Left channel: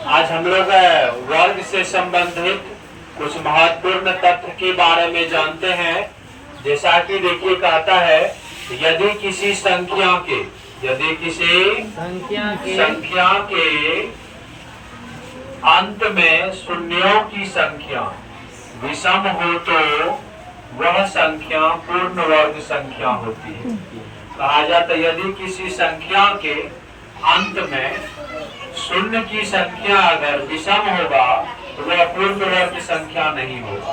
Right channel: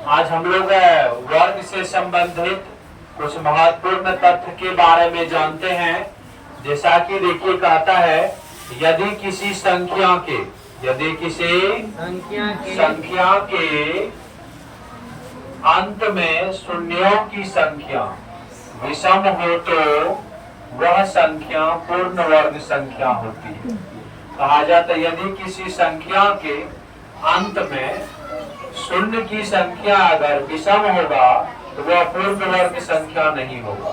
आज हम लोग वर्ग से संबंधित कुछ महत्वपूर्ण तथ्य के बारे में जानते हैं। जैसा कि देखिए कहता है, यदि किसी संख्या के अंत में शून्यों की संख्या विषम हो तो वह संख्या पूर्ण वर्ग संख्या होती है। कहा जाता है यदि किसी संख्या के अंत में शून्य की संख्या अगर विषम होगा तो वह पूर्ण वर्ग संख्या नहीं होगा,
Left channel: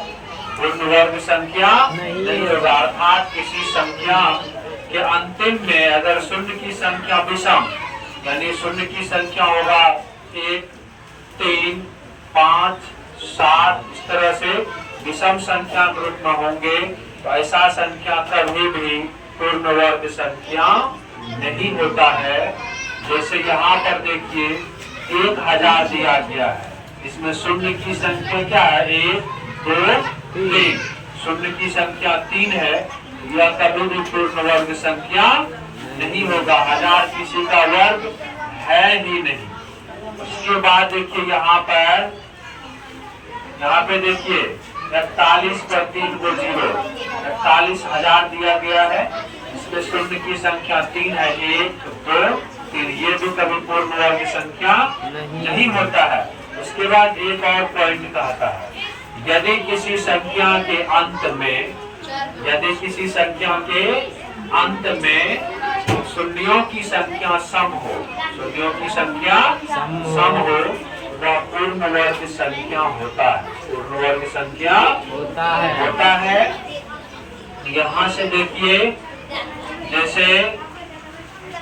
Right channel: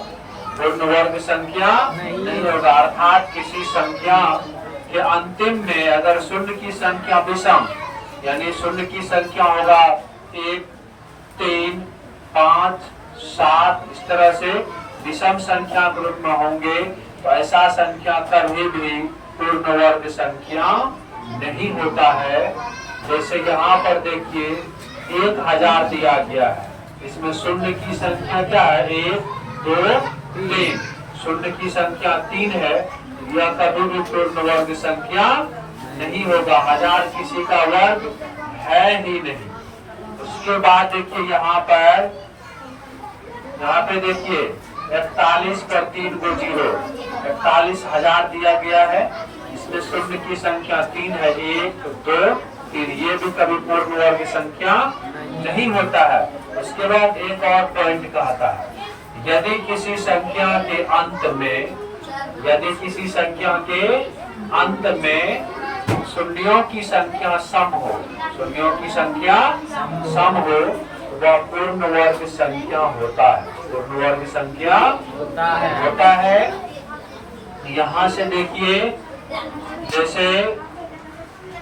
पूर्ण वर्ग संख्या नहीं होगा। अर्थात किसी संख्या के अंतिम में अगर शून्य की संख्या विषम, यानी शून्य की संख्या होगा 1, 3, 5, 7, इस तरह से विषम संख्या के रूप में होंगे तो ऐसा संख्या कभी भी पूर्ण वर्ग संख्या नहीं होता है। जैसे यहाँ पर देखिए 1000 दिया गया है, इसमें शून्य की संख्या क्या है? 1, 2, 3। शून्य की संख्या 3 है, यह कभी भी पूर्ण वर्ग संख्या नहीं होगा। 1000 किसी का वर्ग है ही नहीं। उसके बाद देखिए यहाँ पे देखिए 41 पर 3 को 0, 41,000 दिया गया है, इसमें शून्य की संख्या 3 है, 1, 2, 3। ये भी कभी पूर्ण वर्ग संख्या नहीं होता है। उसके बाद एक और पॉइंट कहता है, यदि किसी संख्या के अंत में शून्यों की संख्या सम हो, वह पूर्ण वर्ग संख्या होता है, पूर्ण वर्ग संख्या होता है। यहाँ से देखिए जैसे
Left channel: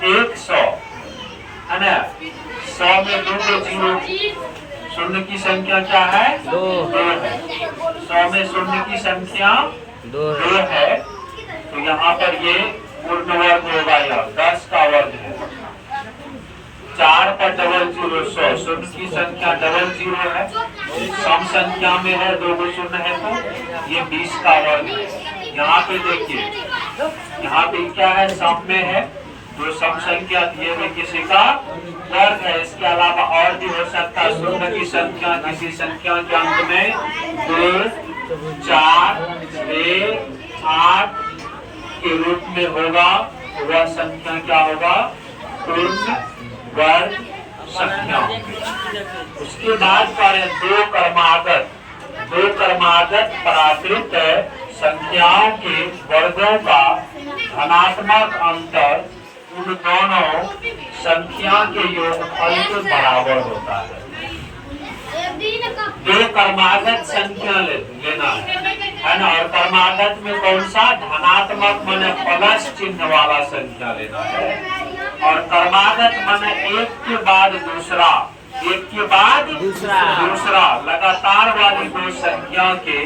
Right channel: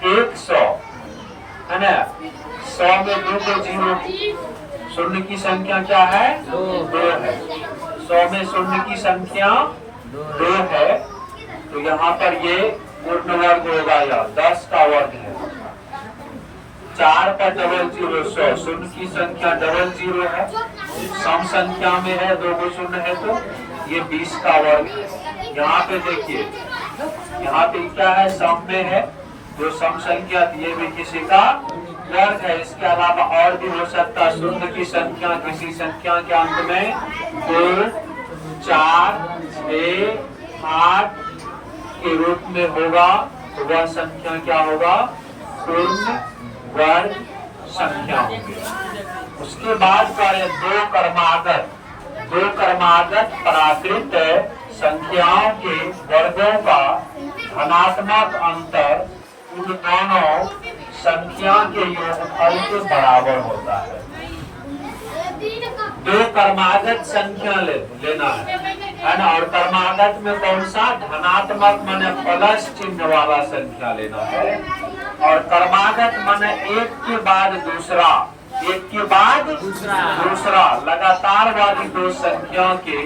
100 है ना, 100 में 2 को 0, शून्य की संख्या क्या है? 2 है। 100 में शून्य की संख्या 2 है, तो यहाँ पर ये पूर्ण वर्ग होगा। या 10 का वर्ग है, 4 पर डबल 0, 100, शून्य की संख्या डबल 0 है, सम संख्या में है, 2 को शून्य है तो ये 20 का वर्ग है। यहाँ पे देखिए, यहाँ पे क्या है? सम में है, जो सम संख्या ये भी किसी का वर्ग है। इसके अलावा और भी हो सकता है, शून्य की संख्या किसी संख्या के अंत में 2, 4, 6, 8 के रूप में होगा तो वह संख्या क्या होगा? पूर्ण वर्ग संख्या होगी। उसके बाद पर दो क्रमागत प्राकृत संख्याओं के वर्गों का धनात्मक अंतर उन दोनों संख्या के योगफल के बराबर होता है। दो क्रमागत संख्या लेना है ना, और क्रमागत में कौन सा? धनात्मक माने प्लस चिन्ह वाला संख्या लेना है, और क्रमागत माने एक के बाद दूसरा लगातार वाली दो संख्या के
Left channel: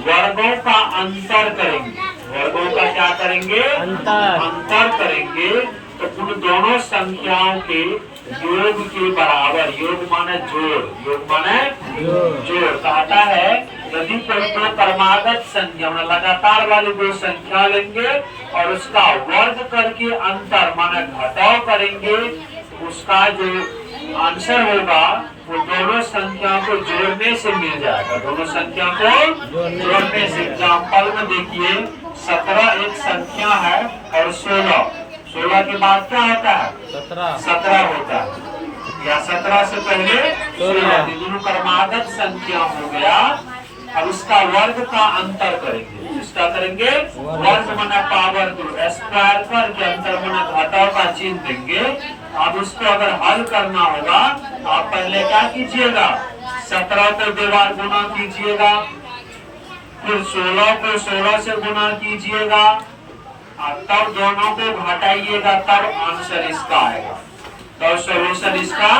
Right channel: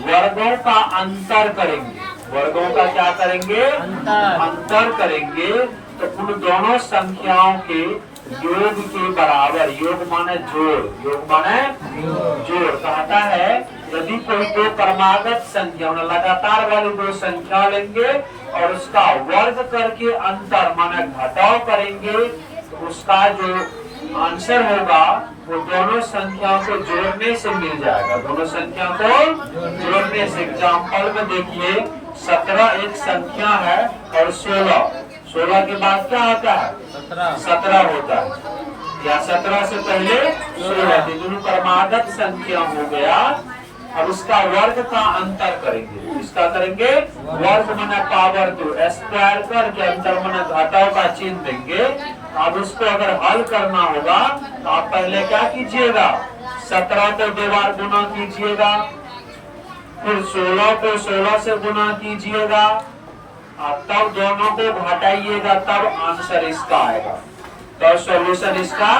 वर्गों का अंतर करेंगे। वर्गों का क्या करेंगे? अंतर करेंगे, तो उन दोनों संख्याओं के योग के बराबर, योग माने जोड़ कहता है। यदि कोई दो क्रमागत संख्या लगातार वाली दो संख्या लेंगे और उसका वर्ग करके अंतर माने घटाव करेंगे, तो उसका जो आंसर होगा वो दोनों संख्या को जोड़ने से मिल जाएगा। दोनों संख्या को जोड़ने से, एग्जाम्पल में देखिए 17 एक संख्या है और 16 के बाद क्या होता है? 17 होता है, या 17 से पहले 16। दोनों क्रमागत संख्या हो गया। अब इसका वर्ग का अंतर करेंगे। इसका करेंगे वर्ग माने पावर 2, स्क्वायर करके अंतर माने घटाव का चिन्ह देंगे। अब इसको अगर हल करना होगा तो आप पहले क्या कीजिएगा? 17 को 2 बार गुना कीजिएगा, फिर 16 को 16 से गुना कीजिएगा, तब दोनों को घटाइएगा, तब आंसर इसका आएगा, तब सॉल्यूशन इसका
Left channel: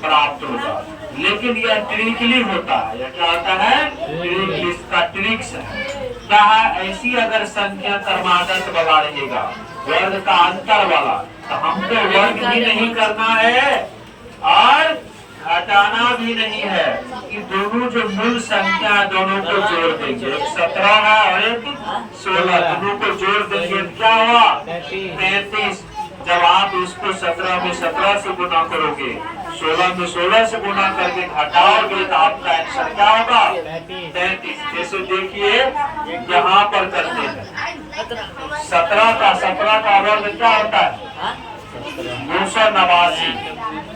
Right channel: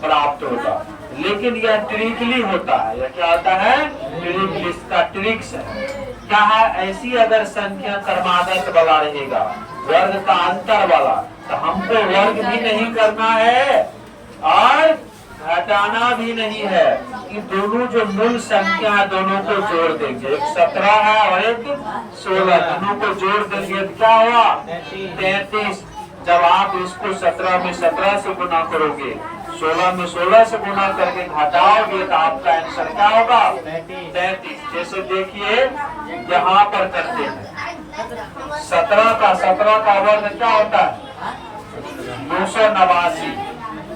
प्राप्त होगा। लेकिन यह ट्रिकली होता है। यह क्या होता है? ट्रिक, इसका ट्रिक्स है। क्या है? ऐसी अगर संख्या क्रमागत वाला रहेगा, वर्ग का अंतर वाला, तो हमको वर्ग भी नहीं करना है और घटाना भी नहीं है, कि दोनों जो मूल संख्या है दोनों को जोड़ देंगे। एक 17 है और एक 16, दोनों को जोड़ देंगे तो क्या हुआ? 33। जब आप इसको 17 में 17 से गुना करोगे 16 में 16 से गुना करके घटाओगे तो आपका आंसर क्या होगा? 33। जैसे देखिए यहाँ पर करते हैं 17 का वर्ग क्या होता है? 289।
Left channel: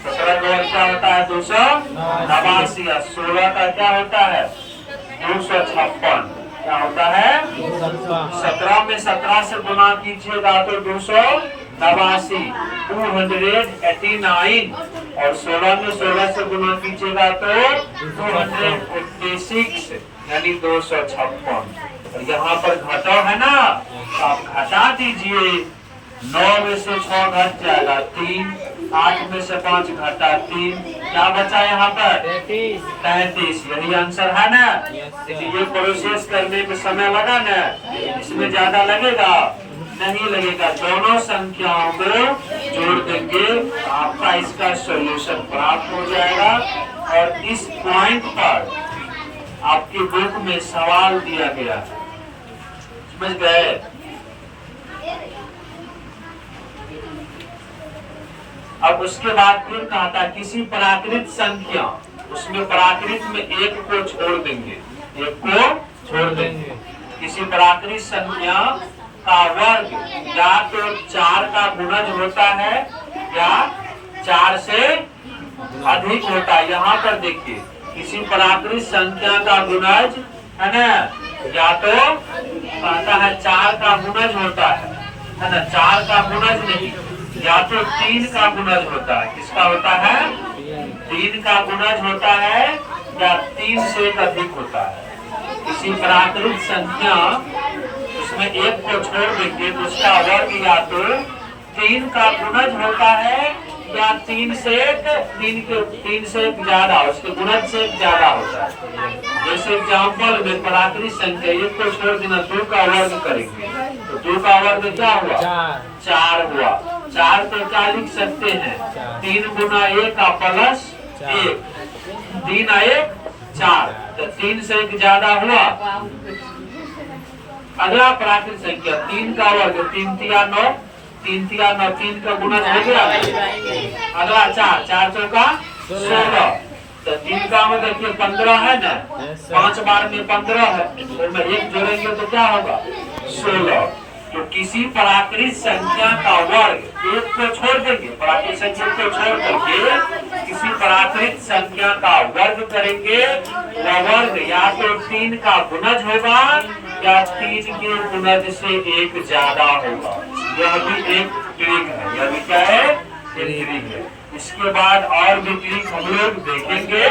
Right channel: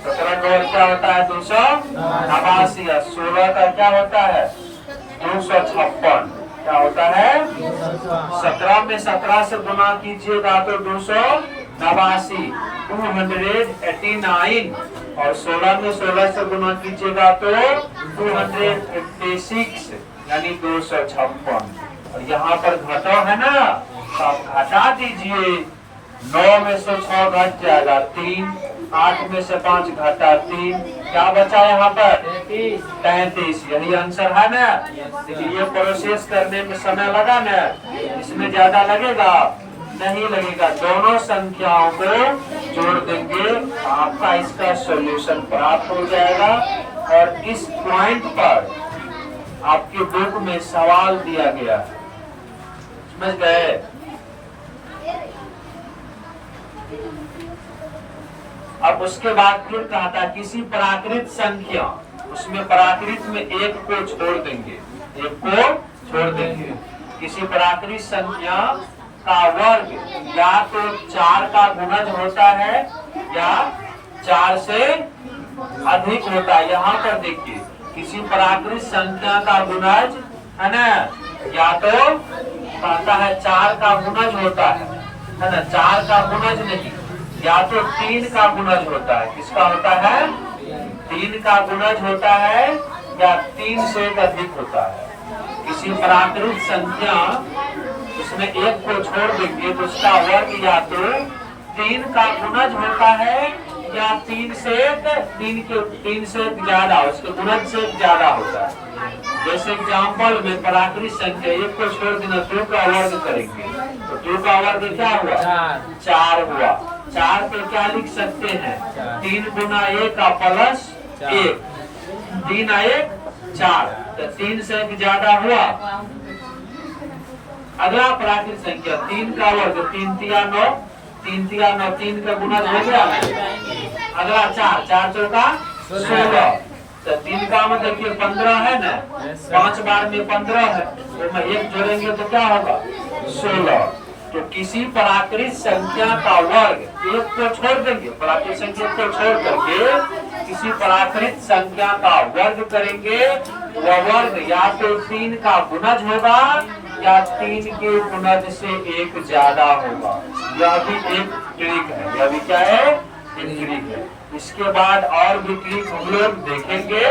17 का वर्ग क्या होता है? 289। 16 का क्या होता है? 256। क्या होता है? 17 में 17 से गुना कीजिएगा तो 289, 289। और 16 में 16 से गुना कीजिएगा तो 286, यानी 256। और यहाँ पर घटाओ है ना, तो आप घटा दीजिए। 9 में से 6 घट जाएगा 3, 8 में से 5 घटा 3, क्या बचा यहाँ पर? 33। यही आंसर है ना। देखिए ये प्रोसेस करने में समय लगा ना, इसमें ज्यादा लगेगा? नहीं लगेगा। दोनों संख्याओं को जोड़ देंगे, आपका इसका सॉल्यूशन प्राप्त हो जाएगा। और इस पॉइंट पर आपके बुक में सवाल दिया गया, समझ गए? अब उसके बाद फिर कहा था किसी प्राकृत संख्या, उसमें प्राकृत में एक को छोड़ देंगे, एक को छोड़ देंगे। किसी प्राकृत संख्या का वर्ग या तो 4 का गुणज होता है या 4 से अधिक होता है। यहाँ पर देखिए किसी प्राकृत संख्या का गुणज है ना, या तो कहता है 4 का गुणज होता है ना, 4 का गुणज नहीं, या तो 3 का गुणज होता है। किसका होता है? 3 का गुणज होता है या 3 से अधिक होता है। किसी प्राकृत संख्या उसमें एक को छोड़ देंगे तो उसका वर्ग या तो 3 का गुणज होता है या 3 से ज्यादा, उसके गुणज से ज्यादा होता है। जैसे एग्जाम्पल में प्राकृत संख्या एक को छोड़ देना, 2 का वर्ग करेंगे तो 2 का वर्ग क्या हुआ? 4 हुआ। 4 को क्या लिख सकते हैं? 3 गुना 1 का प्लस 1, 3 आए 4, तो 3 से ज्यादा हुआ। अगला प्राकृत संख्या 3 का वर्ग, 3 तिया 9, 3 तिया 9, 3 का गुणज हो गया। अगला 4, 4 चौका 16, तो 3 का मतलब देखिए 15 है ना, 5 बार में 15 है, तो मैं 1 जोड़ेंगे तो क्या होगा? 16। तो किसी प्राकृत संख्या का वर्ग एक को छोड़ देंगे, प्राकृत संख्या को छोड़ करके किसी प्राकृत संख्या का वर्ग करेंगे। वह वर्ग या तो 3 का गुणज होगा या 3 के गुणज से 1 ज्यादा होगा। यह भी एक ट्रिक है। यह भी क्या है? एक ट्रिक है। इसके बाद और भी ट्रिक हम लोग देखेंगे।